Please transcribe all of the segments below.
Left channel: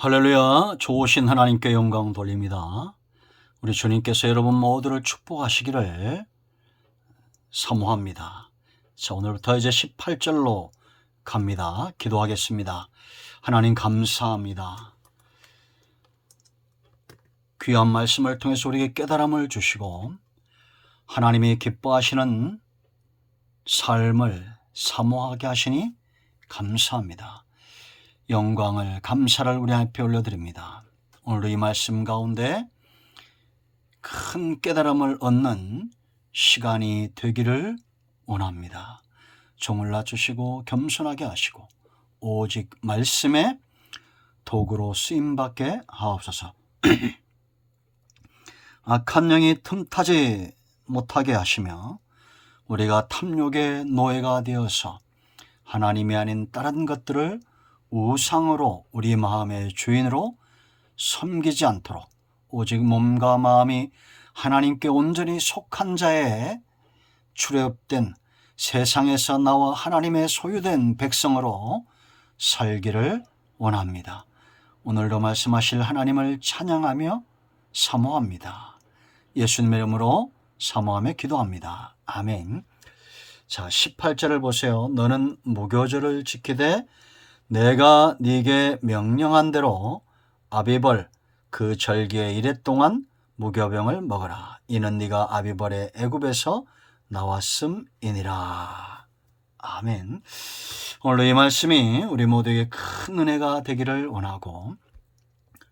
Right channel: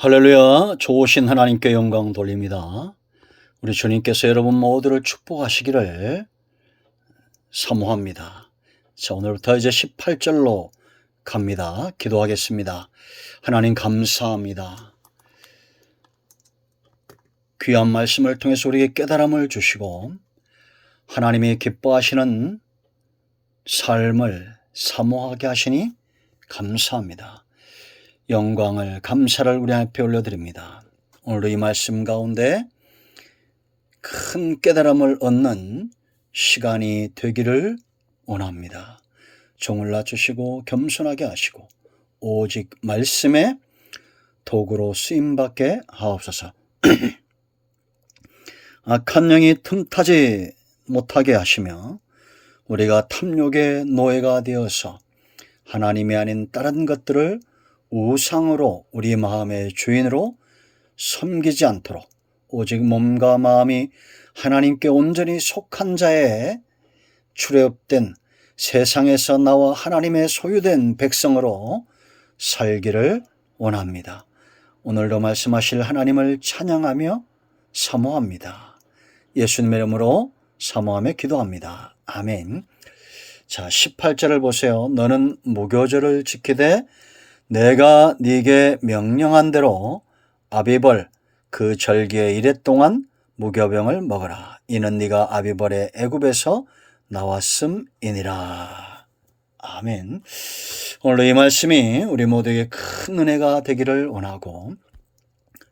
할렐루야. 좋으신 하나님께 영광 돌립니다. 우리 주님께서 여러분 모두를 축복하시기를 사모합니다. 자, 오늘부터 이제 18절로 갑니다. 기도하겠습니다. 하나님 감사합니다. 귀한 말씀을 통해서 우리에게 깨달음을 주시고 하나님이 기뻐하시는 삶을 사모하게 하시니 감사합니다. 영광을 감사를 우리 앞에 올려드립니다. 오늘도 이 말씀 가운데 큰 깨달음을 얻는 시간이 되기를 원합니다. 종을 낮추시고 겸손하게 하시고 오직 말씀의 도구로 쓰임받게 하옵소서. 악한 영이 틈타지 못하게 하시며 우리가 탐욕의 노예가 되어서 하나님이 아닌 다른 것들을 우상으로 우리 마음의 주인으로 섬기지 않도록 오직 몸과 마음이 하나님께 온전히 속한 자의 출애굽된 세상에서 나와 하나님의 소유된 백성으로 살기를 원합니다. 오늘도 말씀하실 하나님을 찬양하며 사모합니다. 예수님의 이름으로 사모하며 기도합니다. 아멘. 자, 18절을 보세요. 너는 무교절을 지키되 내가 네게 명령한 대로 아비벌 그 절기의 이래 동안 무교병을 먹어라. 이는 네가 아비벌의 애굽에서 나왔음이니라. 아멘. 오늘 이 말씀이 우리 모두에게 큰 은혜가 되기를 원하고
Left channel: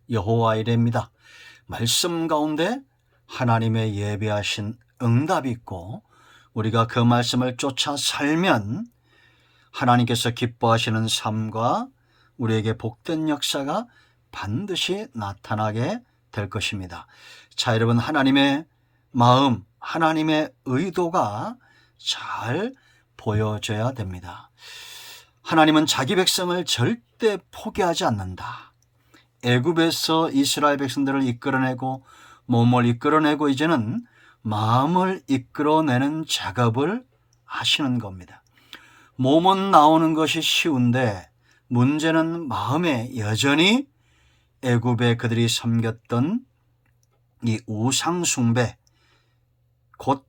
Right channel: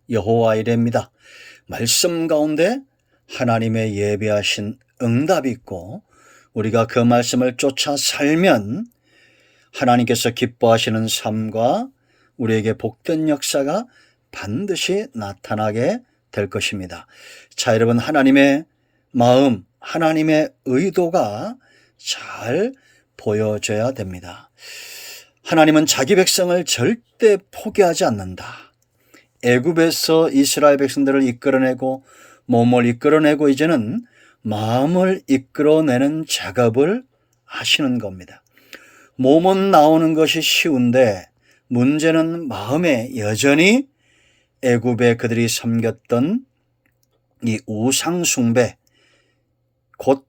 여호와 이레입니다. 말씀 가운데 하나님의 예비하신 응답이 있고 우리가 그 말씀을 쫓아 살면 하나님께서 기뻐하시는 삶과 우리에게 복된 역사가 반드시 나타나게 될 것입니다. 자, 여러분, 하나님의 마음, 하나님의 의도가 잘 보여져야 됩니다. 하나님은 자기 백성을 절대 포기하지 않는다. 애굽에서 이스라엘 백성들을 이끌어내고 몸을 이끌어내고 이제는 마음을 이끌어내는 작업을 하시는 겁니다. 몸은 나오는 것이 쉬운데 문제는 마음에 여전히 애굽에 그들이 섬겼던 이 우상 숭배, 곧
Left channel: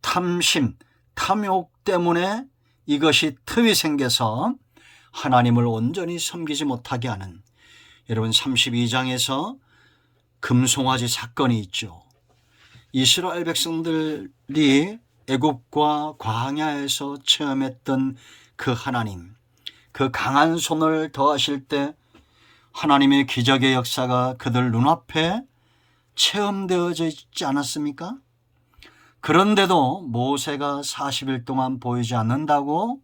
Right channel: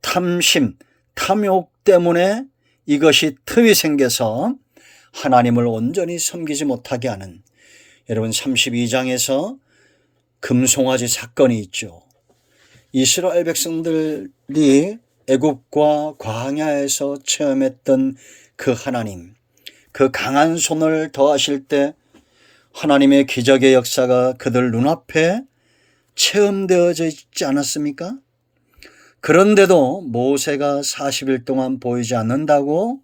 탐심, 탐욕 때문에 이것이 틈이 생겨서 하나님을 온전히 섬기지 못하게 하는, 여러분 32장에서 금송아지 사건이 있죠. 이스라엘 백성들이 애굽과 광야에서 체험했던 그 하나님, 그 강한 손을 더하실 때 하나님의 기적의 역사가 그들 눈앞에 체험되어져 있지 않았습니까? 그런데도 모세가 40일 동안 보이지 않는다고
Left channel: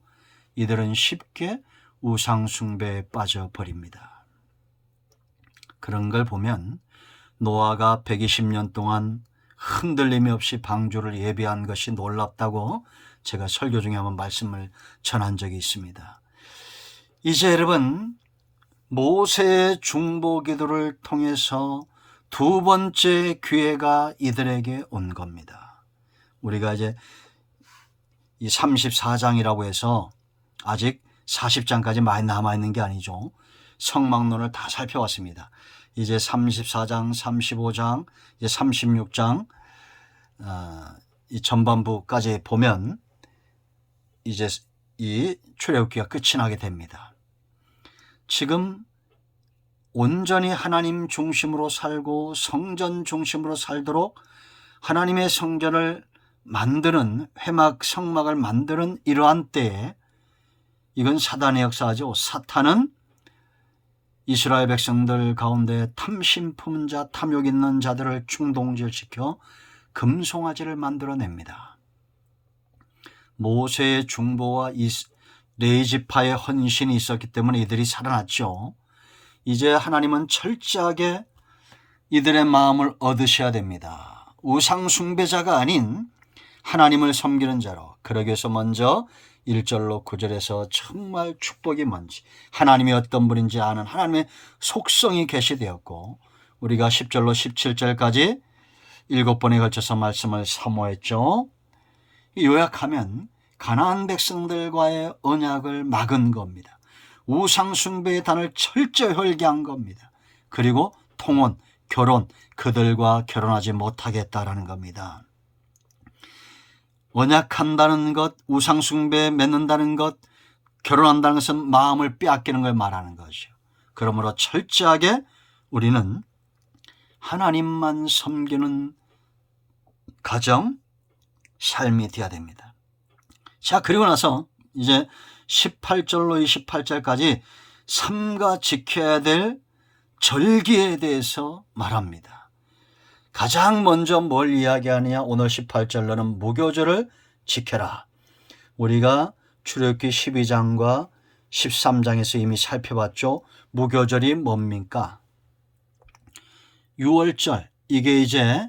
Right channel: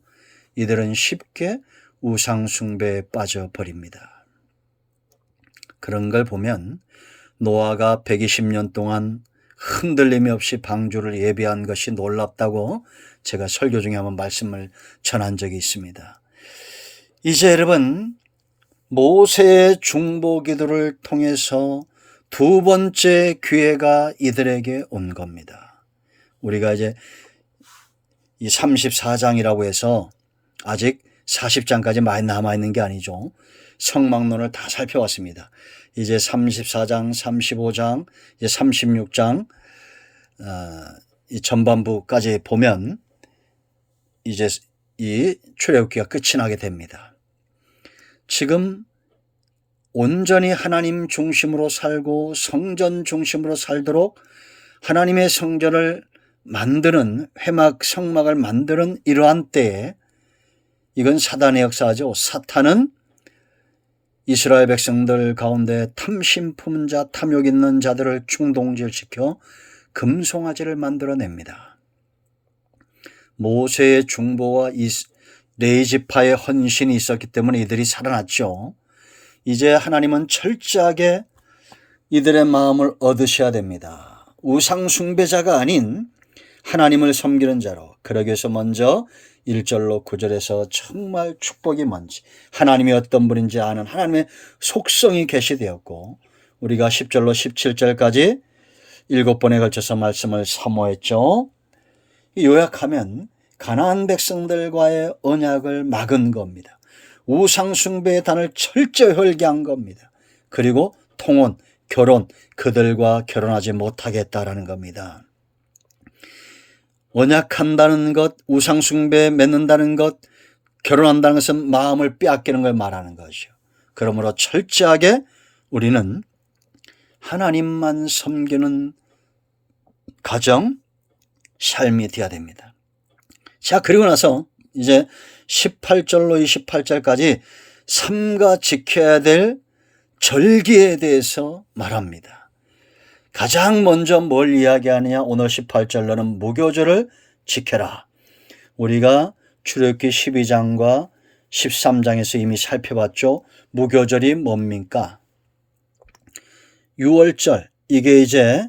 이들은 쉽게 우상 숭배에 빠져버립니다. 그런 걸 보면 노아가 120년 동안 흔들림이 없이 방주를 예비한 것이 놀랍다고 제가 설교 중에 한번 말씀을 전한 적이 있습니다. 이제 여러분, 모세의 중보 기도를 통해서 두 번째 기회가 이들에게 온 겁니다. 우리가 이제 이 34장이라고 해서 아직 40장까지 많이 남아있는 게 아니죠. 성막론을 다 살펴왔습니다. 이제 34장, 35장, 이제 36장 이 전반부까지 보면 이제 이 출애굽기가 끝이 나게 됩니다. 지금 온전히 하나님 중심으로 살고 성전 중심으로 살도록 하나님의 성전을 만드는, 회막 성막을 만드는 이러한 때에 이건 사단의 역사죠. 사탄은 이스라엘 백성들 가운데 탐심 품은 자, 탐욕 있는 자들을 충동질시켜 금송아지를 만들어냅니다. 모세의 중보와 레위지파의 헌신이 있었기 때문에 이들이 살아났죠. 이제 하나님은 철저하게 이들의 마음을 얻으셔야 됩니다. 우상 숭배자가 아닌 하나님을 섬기는 자로. 그러기 위해서 먼저 1절로 9절에서 정말 축복이 뭔지, 하나님이 어떤 분인지 아는 하나님의 속성이 계시되었고, 우리가 10절로 17절까지 7번에 걸쳐서 말씀을 사모했죠. 요약하면 가나안 백성들과의 언약을 막은 겁니다. 우상 숭배의 단을 철저히 헐게한 겁니다. 그리고 통혼, 결혼, 그들과 결혼하지 못하겠다라는 겁니다. 언약한다는 것, 우상숭배에 맺는다는 것, 결혼한다는 것은 마음을 빼앗기는 걸 말하는 것이요. 그러므로 철저하게 우리는 하나님만 섬기는 가정, 삶이 되어야 됩니다. 자, 그리고 나서 이제 18절로 28절까지 삼가 지켜야 될 절기에 대해서 말합니다. 가장 먼저 뭘 이야기하느냐? 오늘 18절로는 무교절을 지켜라. 우리가 출애굽기 12장과 13장에서 이미 살펴봤죠. 무교절이 뭡니까? 6월절, 이게 이제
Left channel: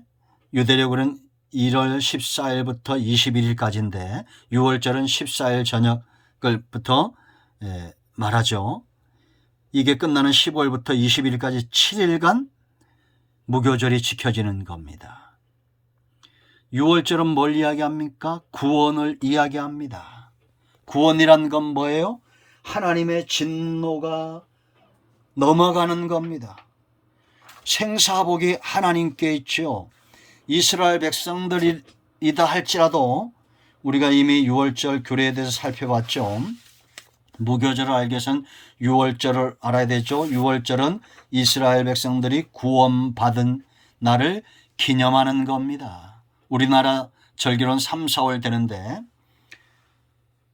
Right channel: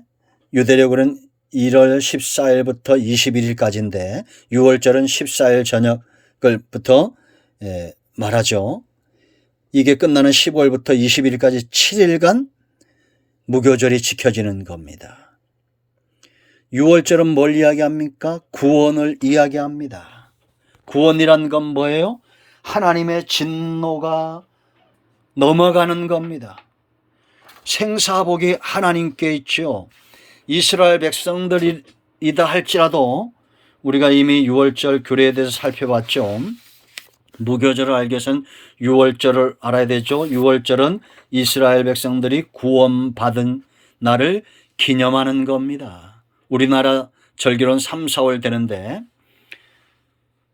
유대력으로는 1월 14일부터 21일까지인데 6월절은 14일 저녁을부터 말하죠. 이게 끝나는 15일부터 21일까지 7일간 무교절이 지켜지는 겁니다. 6월절은 뭘 이야기합니까? 구원을 이야기합니다. 구원이란 건 뭐예요? 하나님의 진노가 넘어가는 겁니다. 생사복이 하나님께 있죠. 이스라엘 백성들이다 할지라도 우리가 이미 6월절 규례에 대해서 살펴봤죠. 무교절을 알기 위해서는 6월절을 알아야 되죠. 6월절은 이스라엘 백성들이 구원받은 날을 기념하는 겁니다. 우리나라 절기로는 3, 4월 되는데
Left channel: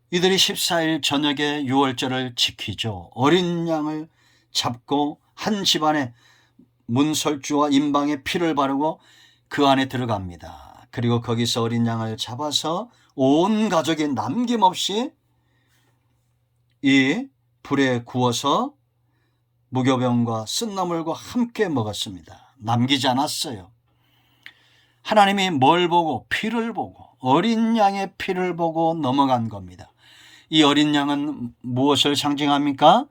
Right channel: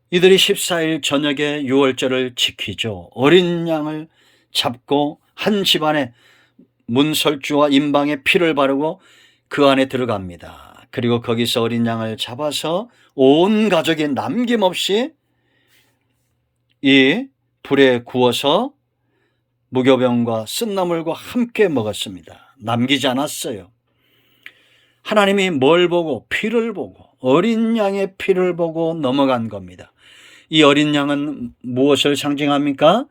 이들이 14일 저녁에 6월절을 지키죠. 어린 양을 잡고 한 집안에 문설주와 임방에 피를 바르고 그 안에 들어갑니다. 그리고 거기서 어린 양을 잡아서 온 가족이 남김없이 이 불에 구워서 무교병과 쓴나물과 함께 먹었습니다. 남기지 않았어요. 하나님이 뭘 보고? 피를 보고, 어린 양의 피를 보고 넘어간 겁니다. 이 어린 양은 무엇을 상징합니까?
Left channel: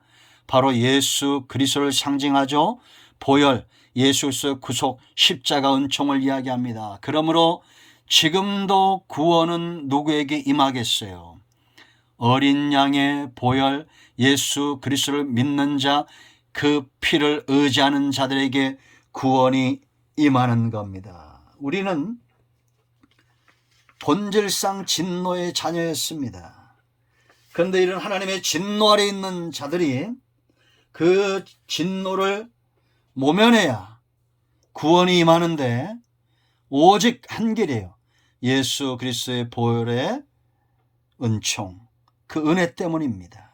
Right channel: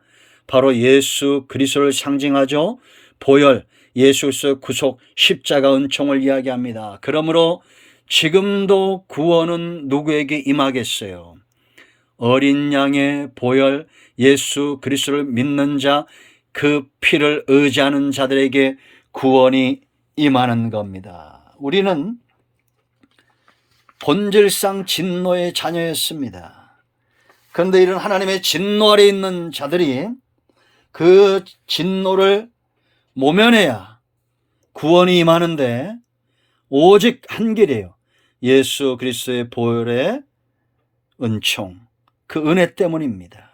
바로 예수 그리스도를 상징하죠. 보혈, 예수 그리스도의 구속, 십자가 은총을 이야기합니다. 그러므로 지금도 구원은 누구에게 임하겠어요? 어린 양의 보혈, 예수 그리스도를 믿는 자, 그 피를 의지하는 자들에게 구원이 임하는 겁니다. 우리는 본질상 진노의 자녀였습니다. 그런데 이런 하나님의 진노 아래 있는 자들이 그 진노를 모면해야 구원이 임하는데 오직 한 길이에요. 예수 그리스도의 보혈의 은총, 그 은혜 때문입니다.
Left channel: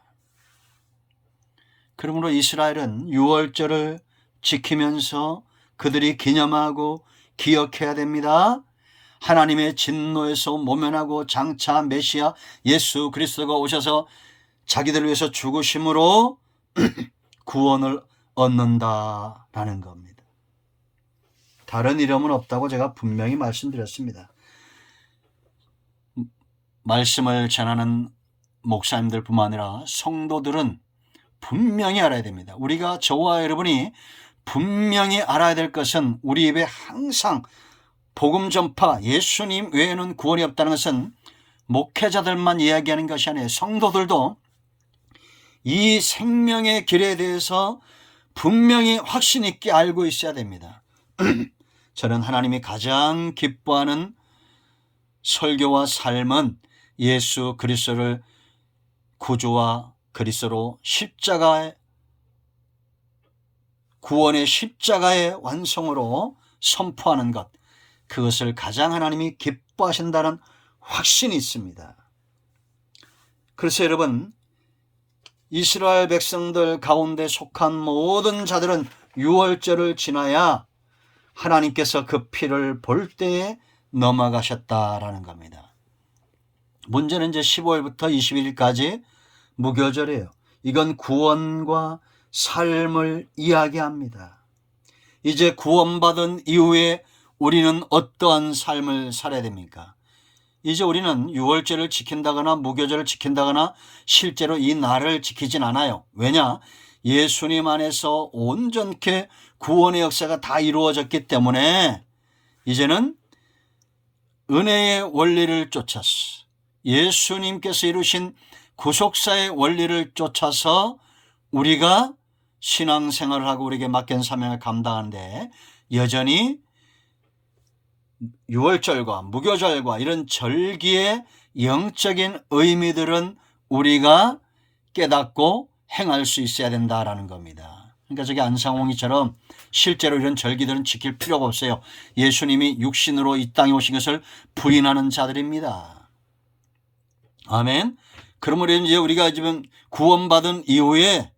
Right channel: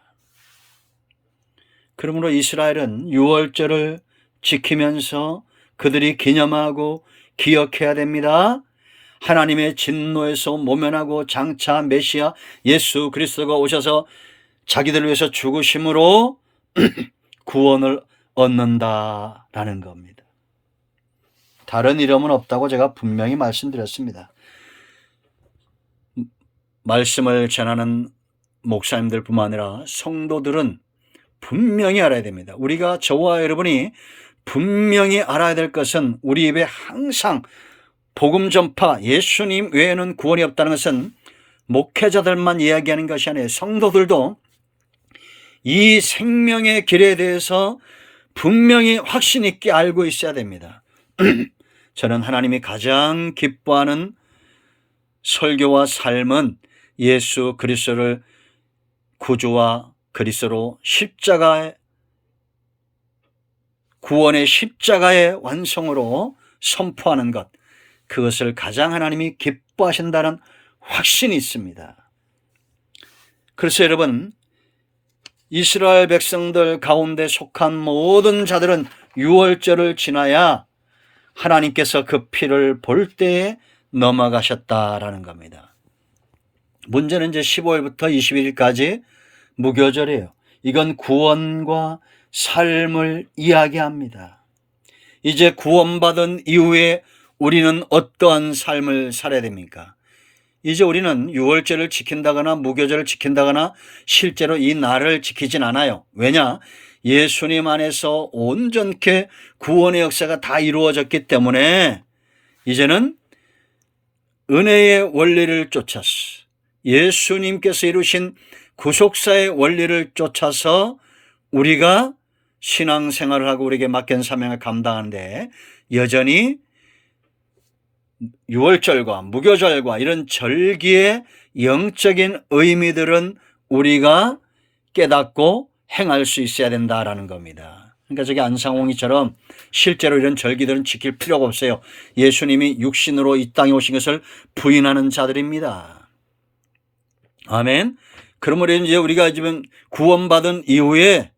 그러므로 이스라엘은 6월절을 지키면서 그들이 기념하고 기억해야 됩니다. 하나님의 진노에서 모면하고 장차 메시아 예수 그리스도가 오셔서 자기들을 위해서 죽으심으로 구원을 얻는다라는 겁니다. 다른 이름은 없다고 제가 분명히 말씀드렸습니다. 말씀을 전하는 목사님들뿐만 아니라 성도들은 분명히 알아야 됩니다. 우리가 저와 여러분이 분명히 알아야 될 것은 우리 입에 항상 복음 전파, 예수님 외에는 구원이 없다는 것은 목회자들만 이야기하는 것이 아니에요. 성도들도 이 생명의 길에 대해서 분명히 확신 있게 알고 있어야 됩니다. 저는 하나님이 가장 기뻐하는 설교와 삶은 예수 그리스도를 구주와 그리스도로 십자가의 구원의 십자가의 완성으로 선포하는 것, 그것을 가장 하나님이 기뻐하신다는 확신이 있습니다. 그래서 여러분, 이스라엘 백성들 가운데 속한 모든 자들은 6월절을 지나야 하나님께서 그 피를 볼 때에 넘어가셨다라는 겁니다. 문제는 이제 15일부터 21일까지 무교절이에요. 이건 구원과 삶을 이야기합니다. 이제 구원받은 이후에 우리는 어떠한 삶을 살아야 됩니까? 이제 우리는 6월절을 지킨다거나 무교절을 지킨다거나 실제로 이 날을 지키진 않아요. 왜냐? 예수님 안에서 온전케 구원의 역사가 다 이루어졌기 때문에 이제는 은혜의 원리를 쫓아서 예수님께서 이루신 구속사의 원리를 쫓아서 우리가 신앙생활을 하고 우리에게 맡긴 사명을 감당하는데 여전히 유월절과 무교절과 이런 절기의 영적인 의미들은 우리가 깨닫고 행할 수 있어야 된다라는 겁니다. 그러니까 저기 안상홍이처럼 실제로 이런 절기들은 지킬 필요가 없어요. 예수님이 육신으로 이 땅에 오신 것을 부인하는 자들입니다. 아멘. 그러므로 이제 우리가 지금 구원받은 이후에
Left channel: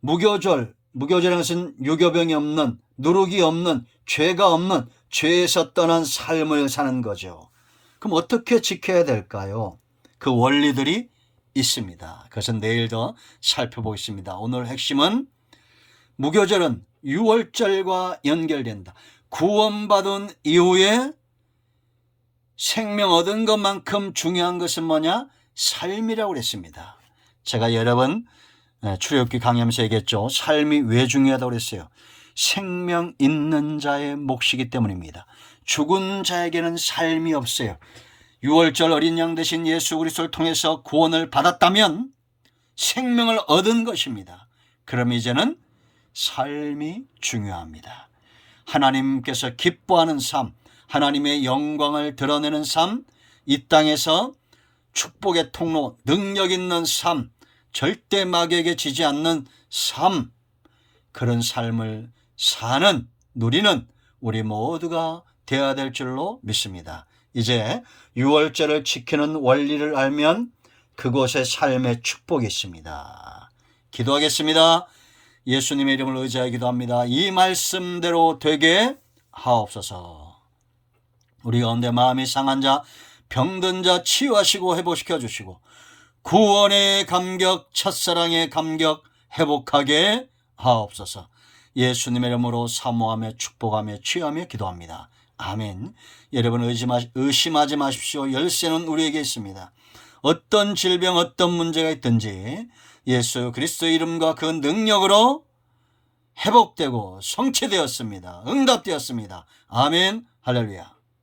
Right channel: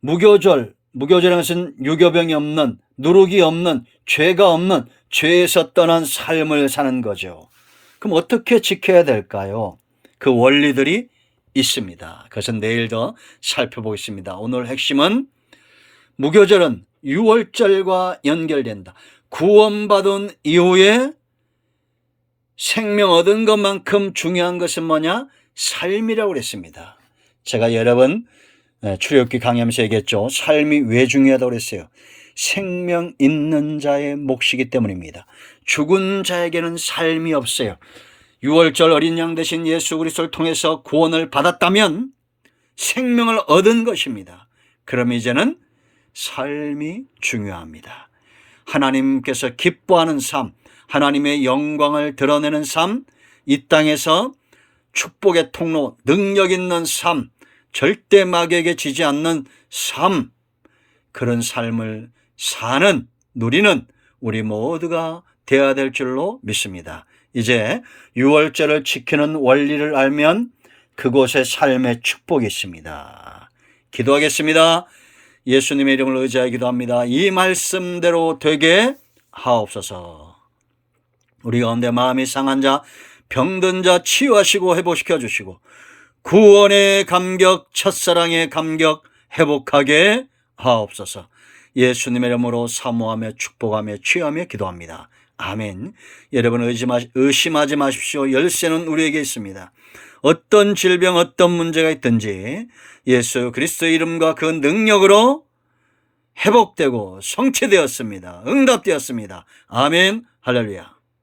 무교절이라는 것은 유교병이 없는, 누룩이 없는, 죄가 없는, 죄에서 떠난 삶을 사는 거죠. 그럼 어떻게 지켜야 될까요? 그 원리들이 있습니다. 그것은 내일 더 살펴보겠습니다. 오늘 핵심은 무교절은 유월절과 연결된다. 구원받은 이후에 생명 얻은 것만큼 중요한 것은 뭐냐? 삶이라고 그랬습니다. 제가 여러 번 출애굽기 강의하면서 얘기했죠. 삶이 왜 중요하다고 그랬어요? 생명 있는 자의 몫이기 때문입니다. 죽은 자에게는 삶이 없어요. 유월절 어린 양 대신 예수 그리스도를 통해서 구원을 받았다면 생명을 얻은 것입니다. 그럼 이제는 삶이 중요합니다. 하나님께서 기뻐하는 삶, 하나님의 영광을 드러내는 삶, 이 땅에서 축복의 통로, 능력 있는 삶, 절대 마귀에게 지지 않는 삶, 그런 삶을 사는, 누리는 우리 모두가 되어야 될 줄로 믿습니다. 이제 유월절을 지키는 원리를 알면 그곳의 삶의 축복이 있습니다. 기도하겠습니다. 예수님의 이름을 의지하여 기도합니다. 이 말씀대로 되게 하옵소서. 우리 가운데 마음이 상한 자, 병든 자 치유하시고 회복시켜 주시고 구원의 감격, 첫사랑의 감격 회복하게 하옵소서. 예수님의 이름으로 사모하며 축복하며 치유하며 기도합니다. 아멘. 여러분 의심하지 마십시오. 열쇠는 우리에게 있습니다. 어떤 질병, 어떤 문제가 있든지 예수 그리스도의 이름과 그 능력으로 회복되고 성취되었습니다. 응답되었습니다. 아멘. 할렐루야.